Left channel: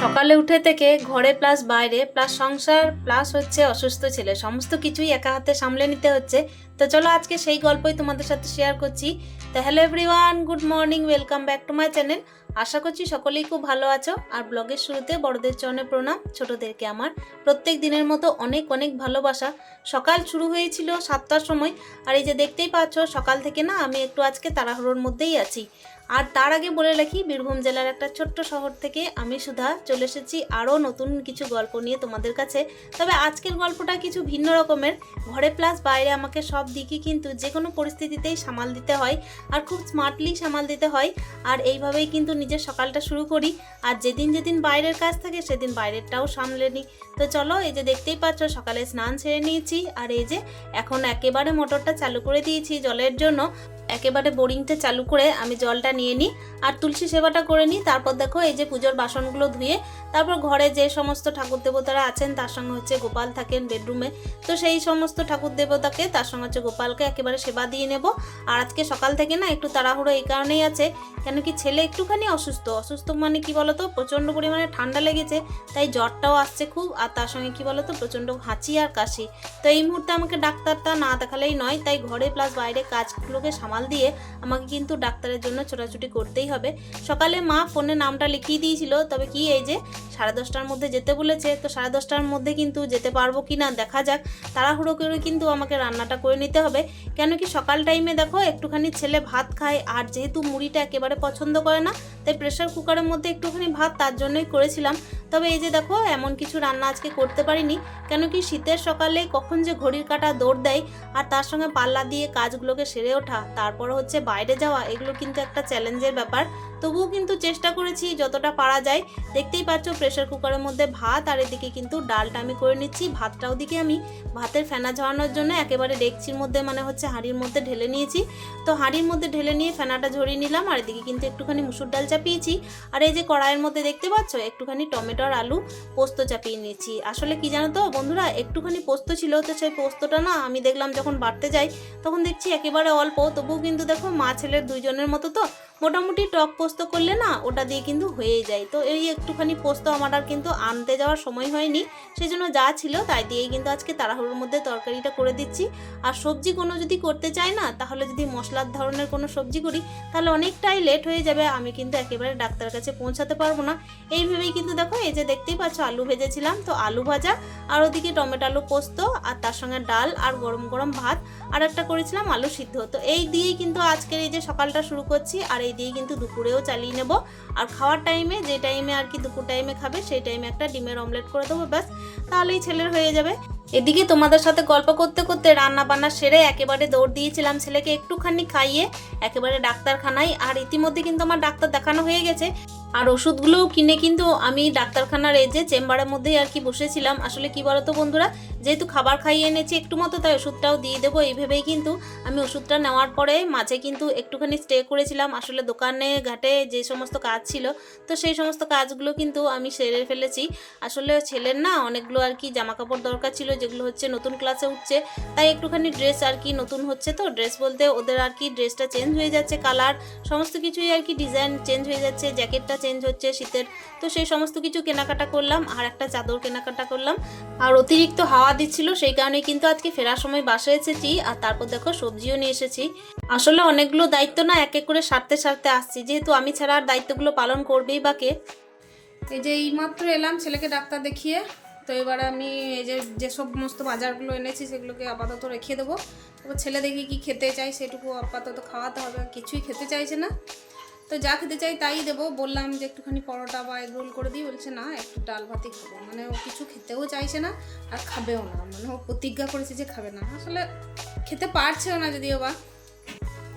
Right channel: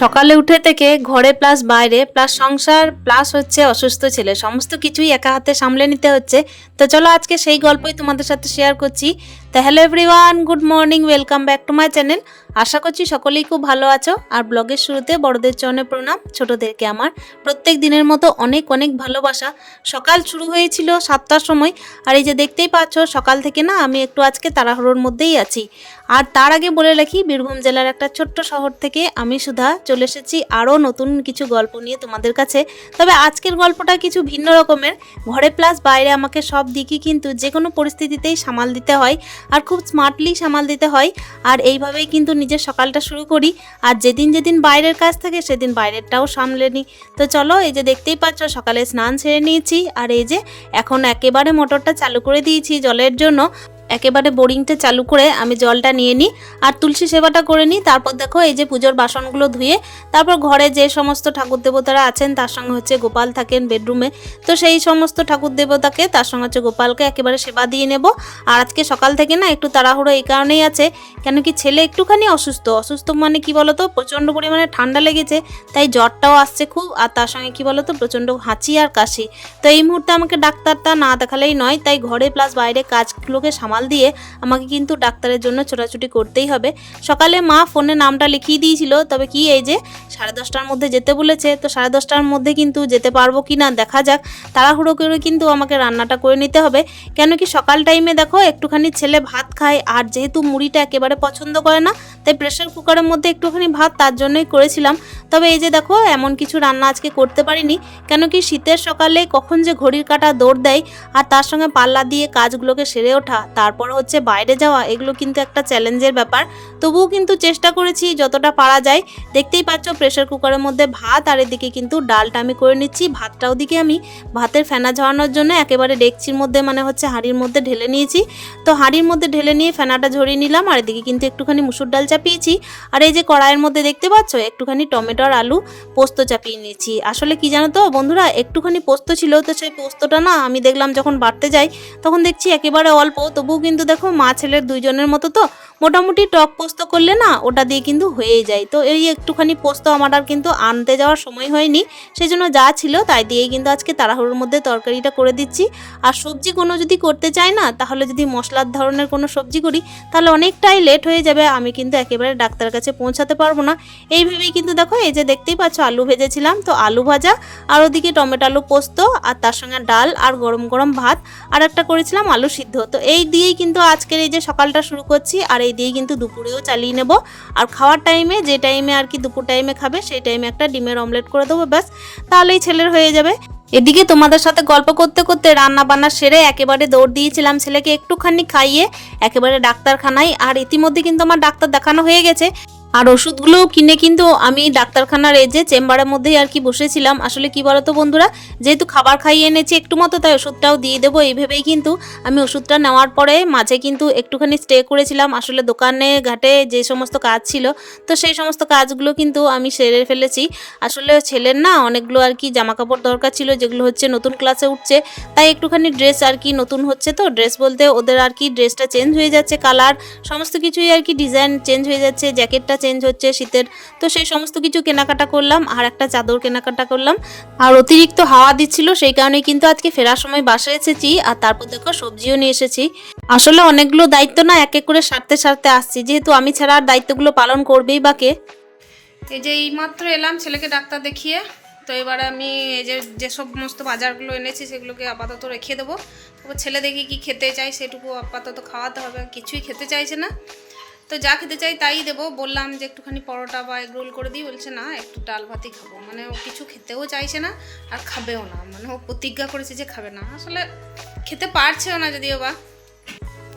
সকালে উঠে থেকে ঘরে প্লাস বাইরে প্লাস সংসার প্লাস হচ্ছে অসুস্থ ছেলে। সমস্ত কিছুই একা হাতে সামলে নিতে হচ্ছে। তো চলো আজকে সেই গল্পই তোমাদের সাথে শেয়ার করছি। তা hello everyone good morning welcome back to my channel আশা করছি সকলেই খুব ভালো আছো। আর ব্লগের শুরুতে বড়দের চরণে প্রণাম। ছোটদেরকে আমার প্রত্যেক দিনের মতো অনেক অনেক ভালোবাসা। সকাল শুরু হয়েছিল সাতটার সময়। আর এই যে দেখতেই পাচ্ছ, সকাল থেকে না আমি একটু আজকে তাড়াহুড়োর মধ্যেই আছি। আর তার আগে বলে রাখি, বীরভূম জেলার একটা ছোট্ট শহর থেকে আমি সুধা চলে এসেছি আরও নতুন কিছু গল্প নিয়ে তোমাদের কাছে। তবে আজকের গল্পটা কিছু ভিন্ন রকমের। ঘরে প্লাস বাইরে আমাকে সব দিকই কিন্তু যে কোনো পরিস্থিতিতেই সামাল দিতে হয়। আর খুব স্মার্টলি সামাল দিতে হয়। আর এইভাবেই কিন্তু নিজের সকালটা শুরু করি আর যেদিন যেদিন বাইরের কাজ থাকে সেদিন বাইরেরটাও সামলে নিই। তো চলো এই যে দেখতেই পাচ্ছ সকালে স্নান সেরে নিয়েছি আর এই যে এখন একেবারে মোটরটা চালু করে দিয়েছি জলের জন্য। একেবারে বোরিংটা চালু করে আমি জলটা নিয়ে নিই আর তুলসী সেবাটা করে নিই। তারপর দেখো এই যে পুজোর বাসনগুলো ধুয়ে তারপর ঘরে যে সমস্ত ঠাকুর দেবতারা আছেন তার সঙ্গে হচ্ছে গোপাল থাকেন বেডরুমে। তো সেই সমস্ত ঠাকুর দেবতাকে তার সঙ্গে হচ্ছে গোপালকে একেবারে সেবা দিয়ে নেব। আর আজকে সকাল থেকে না একটু তাড়াহুড়ো এই কারণেই আছে, কেন কি ছেলে একটুখানি অসুস্থ। অসুস্থ মানে কি বলতো? প্রচণ্ড পরিমাণে ঠান্ডা লেগেছে, তাই জ্বরটাও আসছে খুব, আর তার সঙ্গে কি বলতো? প্রচণ্ড হাঁচি আর কাশি। তো এই মুহূর্তে আমাকে ডাক্তারটা না দেখালেই নয়, তাই ঘরে প্লাস বাইরে কাজগুলোকে সামাল দিয়ে আমাকে কিন্তু ডাক্তারের জন্য ছোটাছুটি করতেই হবে। সকালে মা ফোনে নামটা লিখিয়ে দিয়েছিল, তবে কি এই যে সাড়ে দশটার মধ্যে যেতে বলেছে, তো সাড়ে দশটার মধ্যে কিন্তু যেতে পারব কি না দেখা যাক। তাড়াহুড়ো করে কিন্তু আমাকে রান্নাটা করে নিতে হবে। কেন কি সকাল টাইমে দেখো একটুখানি ছেলে ভাত খায়, আর যেহেতু মুড়িটা একেবারে পছন্দ করে না, তাই প্রেশার কুকারের মধ্যে একটুখানি ভাত তার জন্যই করেছিলাম। তবে এই যে দেখো এমন কিছু রান্না আজকে করতে পারিনি। কেন কি শীতের সকালে কখন যে ঘড়ির কাঁটা দৌড় দেয়, আর তার সঙ্গে পাল্লা দিয়ে কাজগুলোকে সেরে ওঠা তারপর হচ্ছে বাইরে যাওয়া, এগুলো কিন্তু একটা চ্যালেঞ্জের ব্যাপার। তবুও কিন্তু চেষ্টা করেছি যতটা পারা যায়। দেখতেই পাচ্ছ প্রেশার কুকারের মধ্যে ভাত, আর এদিকে কিন্তু ডালটা আমি করে নিচ্ছি। ভাতটা ওদিকে আমি ভাতের ফেনা ঝরানোর জন্য একেবারে ডেকচির মধ্যে মানে হচ্ছে হাঁড়ির মধ্যে ঢেলে নিয়েছি। তো হাঁড়ির মধ্যে ঢেলে নিয়ে ফেনাটা ঝরিয়ে নিলাম, আর এদিকে কিন্তু একটুখানি মুসুর ডাল চাপিয়েছি। আর এই যে কড়াইয়ের মধ্যে দেখতে পাচ্ছ, একটুখানি টমেটো আর আলু পোস্ত চাপিয়ে নিয়েছি। আসলে কি জানো তো বন্ধুরা, একটুখানি পোস্ত ছিল, তো সেই পোস্তটা না আমি দেখলাম যখন বাড়তে যাই, তখন দেখছি একেবারে অল্প, তবুও কিন্তু দেখো মা ছেলের দুইজনের মতো তো মোটামুটি টক পোস্ত করলে না ওটা দিয়ে কিন্তু হয়েই যায়। তো এই একটুখানি পোস্ত আমার আর কিন্তু আনতে যাওয়ার সময় হয়নি সেই জন্য যা ছিল তাই দিয়েই কিন্তু আজকে তাড়াহুড়োর মধ্যে তরকারিটা করে দিচ্ছি। আর সবজি কোনো যদি করতে চাই না, তাহলে যদি মশলার ধরনের কোনো সবজি করি, তাহলে অনেকটাই লেট হয়ে যাবে, আমি কিন্তু একেবারে ডাক্তার কাছে পৌঁছাতে পারব না। এই ভেবেই কিন্তু দেখো এই যে দেখতেই পাচ্ছ আলু ভেজেছিলাম, তো আলু ভাজা, আর ওদিকে টমেটো আলু পোস্ত, আর তার সঙ্গে ডাল, আর গরম গরম ভাত, আর একটা করেছিলাম আলু সিদ্ধ। তো এই দিয়েই কিন্তু আজকের এই যে সকালটা শুরু করছি, আর এই দিয়েই কিন্তু দুপুরেও চালিয়ে নেব। আর খাওয়ার টাইমে যে টাইমে আর কি দুপুর টাইমে খাবে, সেই টাইমে একটা ডিমের অমলেট করে দেবো, ব্যাস। তাহলেই ছেলের হয়ে যাবে। এদিকে তোমাদের সাথে গল্প করতে করতে রান্না বান্না সেরে একেবারে দৌড় দিয়েছিলাম ছেলেকে একটুখানি খাইয়ে, একেবারে ডাক্তারখানায়। আর ইতিমধ্যে কিন্তু আমার ডাক্তার দেখানো হয়ে গেছে। আর ওষুধগুলোও কিনে কিন্তু আমি ডাক্তারখানার এই যে চেম্বারের মধ্যেই আর কি বসেছিলাম। আসলে কি বলতো বন্ধুরা, যেহেতু খাবার খাইয়ে এনেছি একটু মতো, তাই ওষুধটাও দিয়ে দেবো। এই ভেবেই কিন্তু আমি ওষুধটা নেওয়ার পরে মাঝে কিন্তু একটুখানি স্টে করেছিলাম। আসলে দোকানে ঘাটে যে সমস্ত কাজ ছিল, তো সেই সমস্ত কাজগুলো কিন্তু আমি সেরে ফেলেছি। আসলে ছেলের না অনেকগুলো আর কি জামা কাপড় দরকার ছিল, যেগুলো হচ্ছে নতুন ক্লাসে উঠছে। তাই একটুখানি ড্রেস আর কি নতুন হচ্ছে তো, ড্রেস বলতে ওদের আর কি ড্রেসটা চেঞ্জ হয়ে যাচ্ছে, কালার, সমস্ত কিছুই আর কি ডিজাইন চেঞ্জ হয়ে যাচ্ছে, জ্যাকেটটা চেঞ্জ হচ্ছে শীতের। তো সেই সমস্ত কিছু কেনাকাটা করলাম, আর একটা চাদর কেনাকাটা করলাম। আর অতিরিক্ত হাওয়া দিচ্ছিল, সেই কারণে কিন্তু আজকে ফেরার সময় বাসে এসেছি, আর তারপর দেখো সবজিও নিয়ে এসেছি। আসলে অনেকগুলো দায়িত্ব না এক এক করে সারতে সারতে আসছি, যেহেতু আমি ছাড়া আর দায়িত্বগুলো পালন করবেই বা কে। এই যে এইমাত্র এলাম, ছেলেকে ডাক্তার দেখিয়ে, তো এবারে আমি এই যে যে সমস্ত বাজারগুলো এনেছি, সেগুলোকে আপাতত রেখে দেবো। তারপর ছেলে দেখি কি খেতে চাই সেটুকু আপাতত খাওয়াতে হবে কিছুই খেতে চাইছে না। তো যা খেতে চাই তাই দেবো। বললাম যে একটুখানি পরোটা বা এগ রোল করে দিই। বলছে, না, একটু ডাল ভাতই খাব। মানে ও কিছু খেতেও চাইছে না আর খাবেও না। মানে ও প্রতিজ্ঞা করেছে যে খাবে না। আসলে খেতে পারছেও না যদিও বা।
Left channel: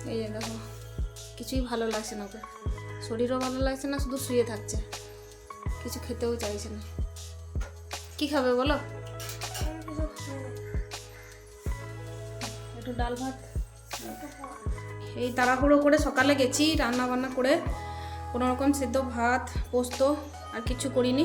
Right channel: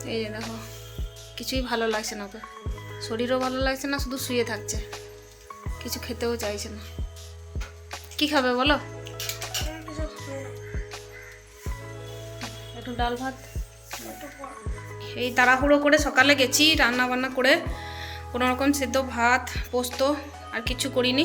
এই যে দেখো, কিছুই ভালো লাগছে না ওকে। শরীরও ভালো লাগছে না, শুধু শুয়ে থাকছে। কিছু খেতেও চাইছে না। কি খাবে বলো? একটু ডাল ভাত। এই তাড়াহুড়ো করে সকালে গেছি রান্না বান্না করে কোনোরকম সেদ্ধ ভাত, পোস্ত আর কিছু করিনি।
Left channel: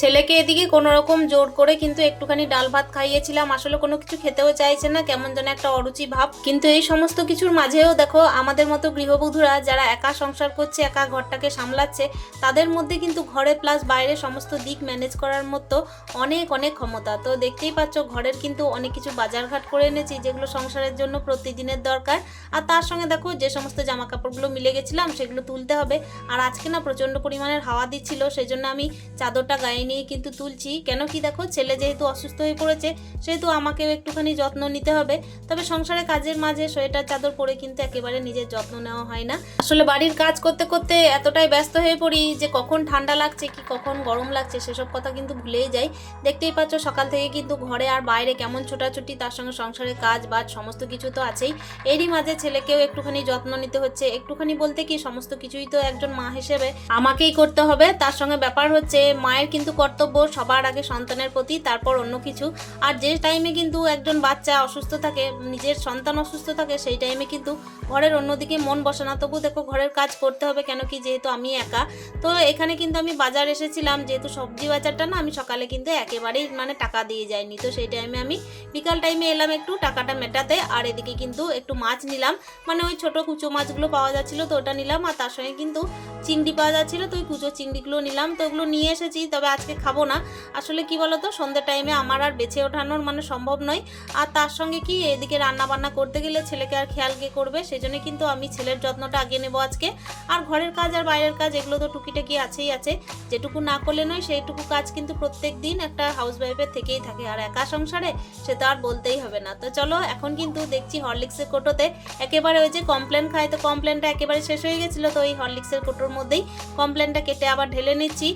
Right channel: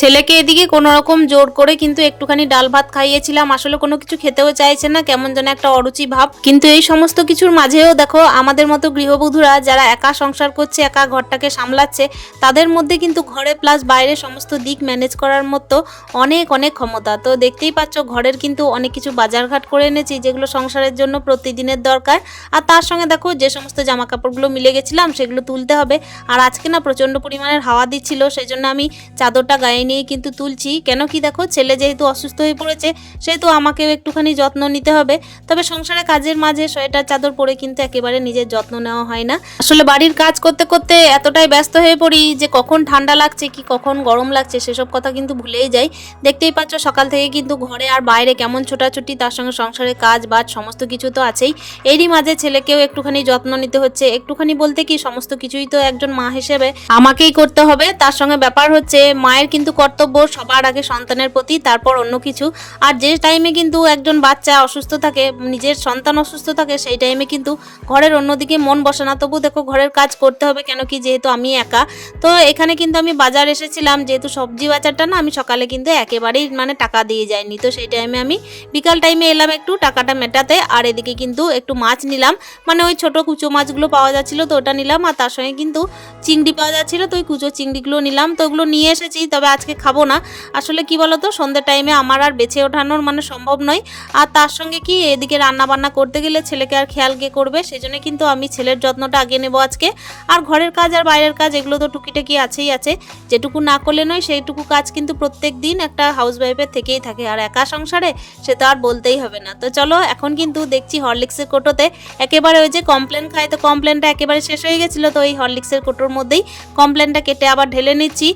ছেলেকে এদিকে কোনো রকম জোর করে কিন্তু একটুখানি ডাল ভাত খাইয়েছিলাম। আসলে কোনো কিছু খেতেও চাইছে না, কেমন যেন একটা অরুচি ভাব। কিন্তু এই সমস্ত কিছুর মাঝেও দেখো, আমাদের মতো গৃহবধূরা যারা একা সংসার করছে, একা ঘরটাকে সামলাচ্ছে, তাদের মধ্যে কিন্তু ঘরে প্লাস বাইরে সমস্ত দিক ম্যানেজ করার মতো অনেক অনেক ক্ষমতা। তো দেখতেই পাচ্ছ, ঘরের কিন্তু অনেক কিছু বাজারঘাট করে এনেছি, যেগুলো সংসারের জন্য প্রতিদিনের দরকার। আর তার সঙ্গে দেখো, যে সমস্ত জামা কাপড়গুলো মিলে গেছিলাম, সেগুলো তুলতে হবে। আর আজকে না প্রচণ্ড পরিমাণের হাওয়া দিচ্ছিল সেই জন্য আমি চাদরটা গায়ে নিয়ে কিন্তু তুলছি। কেন কি দেখো, ছেলে যেহেতু অসুস্থ হয়ে পড়েছে, সেহেতু আমাকেও একটুখানি যত্ন নিতে হবে। তবে সংসারে কাজের মাঝে সোয়েটার, চাদর পরে কিন্তু একেবারে নিজের যত্ন নেওয়া হয় না। আসলে বাড়ির কাজ করতে করতে এতটাই ব্যস্ত হয়ে পড়ি যে কখন ঠান্ডা লাগছে, কি কখন গরম লাগছে, সেসব কথা কিন্তু ভুলেই যাই। দেখতেই পাচ্ছ সকাল থেকে কিন্তু ঘরে আর বাইরে কেমন ছোটাছুটি, তার সঙ্গে সংসারে কাজ বাজ সমস্ত কিছু তো আছেই। এরই মাঝে ছেলেকেও একটুখানি যত্ন নিতে হচ্ছে। একটুখানি বলতে কি, সমস্ত কিছুই তো একজন মা হিসেবে আমাকেই করতে হবে। তার সঙ্গে ব্যাপার হচ্ছে, মায়ের কিন্তু কর্তব্য, সবার আগে সন্তানের প্রতি, তারপর অন্য কিছু। আর যে টাইমে কিন্তু একজন বাচ্চা অসুস্থ থাকে, নিজের সন্তান অসুস্থ থাকে, সেই টাইমে কিন্তু ঘরের অন্যদিকে মন বসে না। তবু দেখো ঘরের কাজ করতে হবে কেন কি, যেহেতু আমি একা। তো এখানে কিন্তু আমি বাজার এসেছিলাম, যেহেতু সবজি বাজারটা না, আমি সকালে কিন্তু একেবারেই মানে টাকা দিয়ে যাইনি। তো সেই টাইমে আমি বিকাল টাইমে এলাম একটু, টাকাটা মেটাতে, আর এদিকে কিন্তু একটু মাছ নিলাম। মানে ওই ছোট কুচো মাছগুলো পাওয়া যাচ্ছিল তো ওটা নিলাম, আর তার সঙ্গে কিন্তু চিংড়ি পাওয়া যাচ্ছিল, তো ওই কুচো চিংড়িগুলো নিলাম। তো ওগুলো নিয়ে এসেছি, তবে আজকে খাব না। আসলে কি বলতো সন্ধ্যের টাইমে আমার আর বেছে ওঠানোর মানে সম্ভব নয়। আর তার সঙ্গে কি, এদিকে রান্না বান্না করতে গেলে ছেলেকে আর খেয়াল কে করবে? সেই জন্য কিন্তু আমি ছেলের যত্নটা আগে নেব আজকে। আর ঘরের কাজ আর বাইরের কাজ, এগুলো তো টুকিটাকি আছেই আছে। যেটুকু না করলে নয়, সেইটুকু কাজ কিন্তু প্রত্যেক দিন একটা হাউস ওয়াইফের থেকেই থাকে। আর একা সংসারে সে তো আর বলতেই হবে না। তো চলো, এখন কিন্তু দেখছি হরলিক্সের কোটোতে। একেবারে ওই যে কমপ্লেন খায়, তো কমপ্লেনটা একেবারে শেষ হয়ে গেছিল। তো ওই হরলিক্সের কোটোর মধ্যেই কমপ্লেনটা কেটে আবার ঢেলে নিচ্ছি।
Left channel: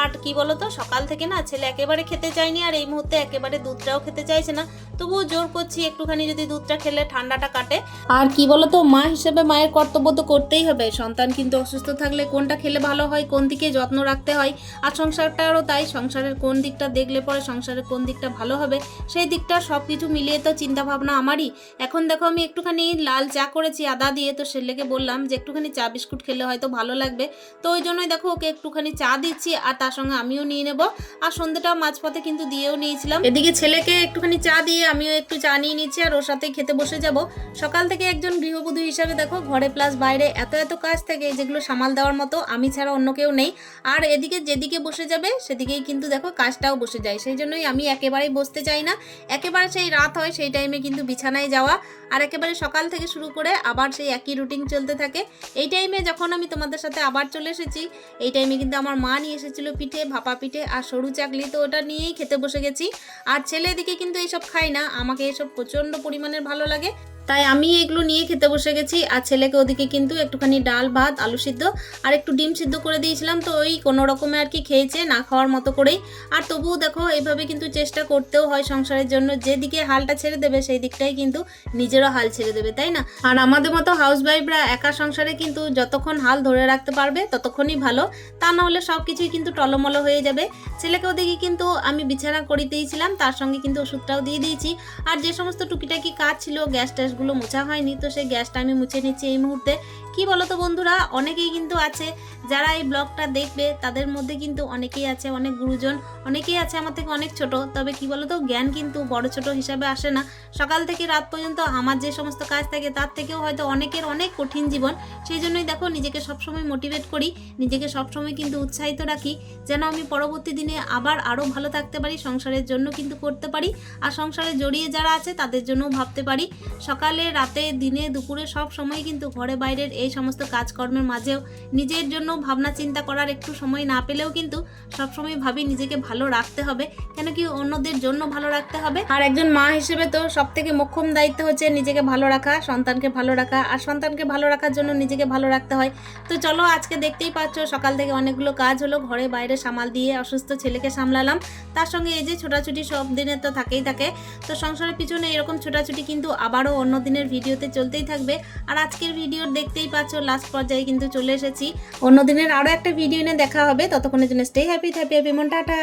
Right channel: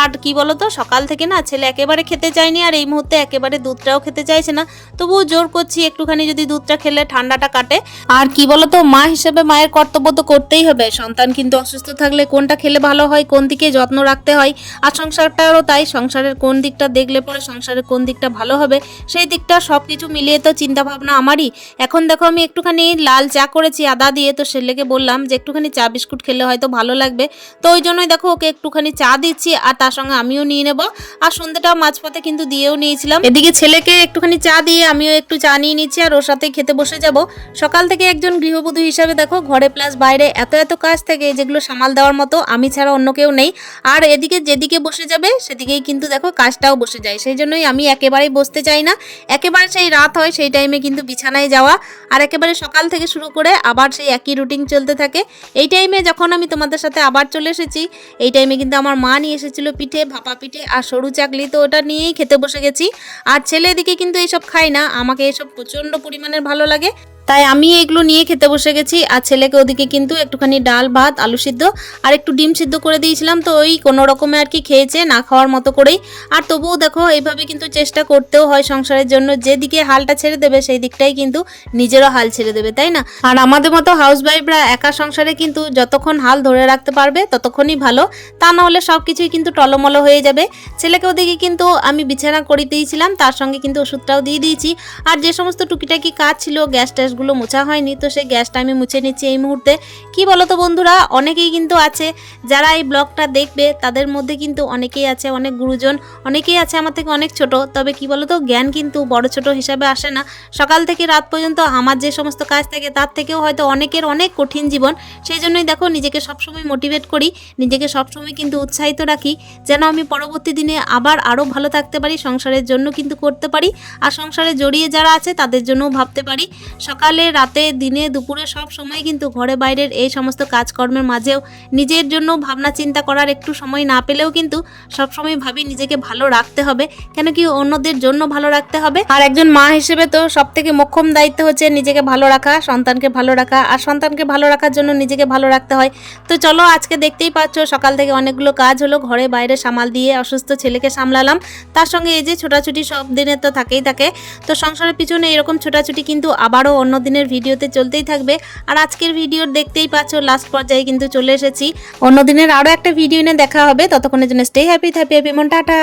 আর কি বলো তো সকাল থেকে না ছেলে একেবারে খেতে চায়নি আর এই মুহূর্তে একেবারে দুধটাও খেতে চাইছে না। তবুও জোর করছি একটুখানি যদি দুধটা খেলে ঠান্ডাটা কাটে। আর কি বলতো, মা হিসেবে মায়ের কর্তব্য তো করতেই হবে। সন্তান কিন্তু অসুস্থ থাকলে কোনটা খেলে ভালো হয়, কোন দিকে যত্ন রাখতে হয়? আর সংসারটারও তাই, সংসারের কোন দিকটা দেখলে পরে সংসারের কোন দিকটা ভালো হবে, সেই দিকটা সব কিছু মিলিয়ে তো চিন্তা ভাবনা আমারই। এখন দেখো আমি একটুখানি লাল চা করেছি আদা দিয়ে, তো ছেলেকে বললাম যে একটুখানি চা বিস্কুট খেলে হয়তো ভালো লাগবে। তো ওই জন্যই দেখো ওকে একটুখানি চা দিচ্ছি, আর তার সঙ্গে আমিও নিয়ে নেব। আর সন্ধ্যাটা মাঝপথে কিন্তু দিয়েও নিয়েছিলাম। এদিকে ছেলেকে একটুখানি চা দিয়ে আমিও একটু চা নিয়ে নিচ্ছি আর ওর সাথে খেতে বসে যাব। সকাল থেকে একজন গৃহবধূ হিসাবে দেখো, ঘরে প্লাস বাইরে এত এত কাজ থেকে, যেগুলো সামাল দেওয়ার মতো আমি ছাড়া অন্য কেউ নেই। আর এদিকে যেদিকে বসে যাবে, সেদিকেই কিন্তু দেখো কাজটাও বসে যায়। সেই জন্যই আমি একেবারেই বসতে চাই না। একেবারে সেই রাত হয়, সেই টাইমে কিন্তু বিছানায় যাওয়া। আর একেবারে সকাল থেকে শুরু করে আবার সেই একই রুটিন চলতে থাকে। এই টাইমে যখন আমি তোমাদের সাথে আবার চলে এসেছি, এই টাইমে কিন্তু আমার মা নিয়ে এসেছিল পিঠে, ভাপা পিঠে। আর সরু চাকলি তো ওটা নিয়েই খেতে বসে গেছি। আর ছেলে এদিকে কিন্তু এইসব খায় না। আমাকে এসব প্রচণ্ড পরিমাণের ভালো লাগে। তাই আমি এগুলো নিয়ে খেতে বসে গেছি। আর ছেলেকে ওদিকে কিন্তু একটুখানি ডাল, ভাত, আলু সিদ্ধ আর একটু ডিম সিদ্ধ করে দিয়েছিলাম। তো ওই কোনো রকমে আর কি খেয়েছে, না খাওয়ার মতো করেই। আর তবুও দেখো, এইভাবে কিন্তু চেষ্টা করতেও হয় সংসারের জন্য। যেদিকে হালটা ছেড়ে দেবে, সেই দিকটাই কিন্তু নিজেরও হাল ছেড়ে দেবে, তাই না? আর আমাদের মতো হাউস ওয়াইফরা একা সংসারে কিন্তু যতক্ষণ হাল ধরে রাখতে পারবে, ততক্ষণই ভালো। তা না হলে সব কিছুই কিন্তু টলমলো হয়ে যাবে। ছেলেকে ওদিকে কিন্তু আমি বিছানা করে দিয়েছিলাম তার সঙ্গে কিন্তু ওষুধটাও দিয়ে দিয়েছি। আর যে সমস্ত টুকিটাকি কাজ ছিল গ্যাস ট্যাসগুলো মোছা হয়নি, তো সেই গ্যাসটা আমি মুছে নিচ্ছি এই মুহূর্তে। কি বলতো বন্ধুরা, অনেকেই কিন্তু আছে, যারা এই ব্লগটা দেখবে, তাদের মধ্যে কিন্তু অনেকেই আছে, অনেক গুরুজন, অনেকেই আছে আমার থেকে অনেক ছোট, তবে কি বলতো, জ্ঞান কিন্তু বড় ছোট হিসাবে আসে না। সকাল থেকে রাত পর্যন্ত আমার যে সমস্ত কাজ থাকে, তার থেকেও হয়তো অনেকের অনেক কঠিন জীবন। সেই জন্যই দেখো, নিজেকে সবসময় মোটিভেট করি, নিজেকে সবসময় কিন্তু উৎসাহিত রাখি, যেন আমি পরবর্তী দিনে আবার আরও ভালো থাকতে পারি, সংসারের জন্য কিন্তু করতে পারি, আর সংসারে জড়িয়ে যারা আছে, তাদের জন্যও ভাবতে পারি। সকালে রাতে, দিনে, দুপুরে সব সময় কিন্তু ঘরে বাইরের এই সমস্ত কাজকর্মের মাঝেও নিজের জন্য ভাবনা চিন্তা করার একটু সময় না পেলেও কিন্তু সবসময় ভাবি নিজেকে ভালো রাখতে হবে। কেন কি অন্যদের জন্য ভালো রাখতে হবে। আর একজন মা হিসেবে তো সব থেকে মোক্ষম দায়িত্ব হচ্ছে নিজেকে ভালো রাখা, সন্তানকে ভালো রাখা। আর সন্তানকে ভালো রাখার জন্য নিজেকে ভালো রাখতে হয়। তো চলো আজকে দেখতেই পাচ্ছ সকাল থেকে অনেকগুলো কাজ হলো। ঘরে বাইরে সামাল দিয়ে অসুস্থ ছেলেকে সামলালাম। তার সঙ্গে এই যে ছোটাছুটি সব দিনের তো থাকেই থাকে। তো সংসারের পিছনে এরকম ছোটাছুটি কিন্তু আবারও অন্য দিনের ভিডিওতে চলতেই থাকবে। আর আজকের ভিডিও দেখতেই পাচ্ছ লাস্ট পর্যায়ে কিন্তু চলে এসেছি। অন্য দিনের আরও একটা ভিডিও নিয়ে দেখা হবে। ততক্ষণের জন্য স্টে হ্যাপি থ্যাপি হ্যাপি মন, টাটা।